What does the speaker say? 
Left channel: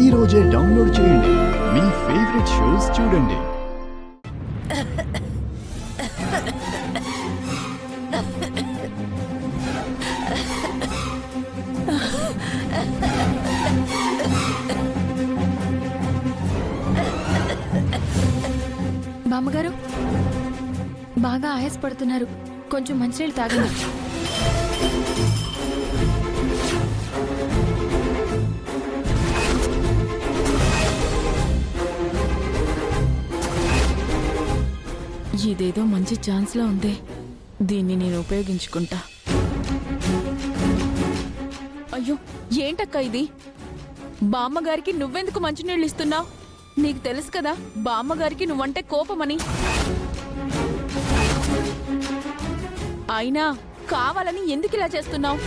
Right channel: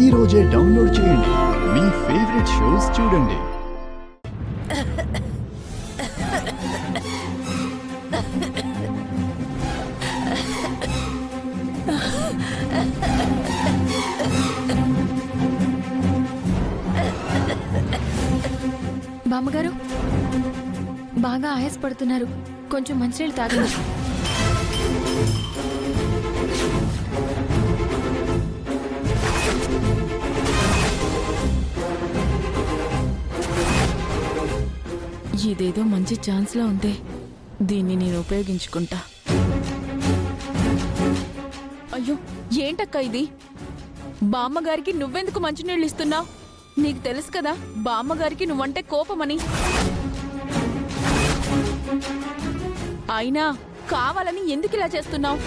ఈ రోజే డౌన్లోడ్ చేయండి. మీ ఫేవరెట్ షోస్ చూడండి. బామ్మగారు బాగా ఆయాసపడుతున్నారు, కొంచెం మంచినీళ్ళు తాగండి. ఇదేదో మంచి ఛాన్స్లా ఉంది, దీన్ని నేను ఉపయోగించుకుంటా. అయ్యో ఏంటక్క ఇది? బామ్మగారికి నువ్వెందుకు మంచినీళ్ళు ఇస్తున్నావు? నీకు తెలుసు కదా బామ్మగారికి నువ్వంటే కోపమని. అయినా కావాలని ఎందుకు ఇలా చేస్తున్నావు?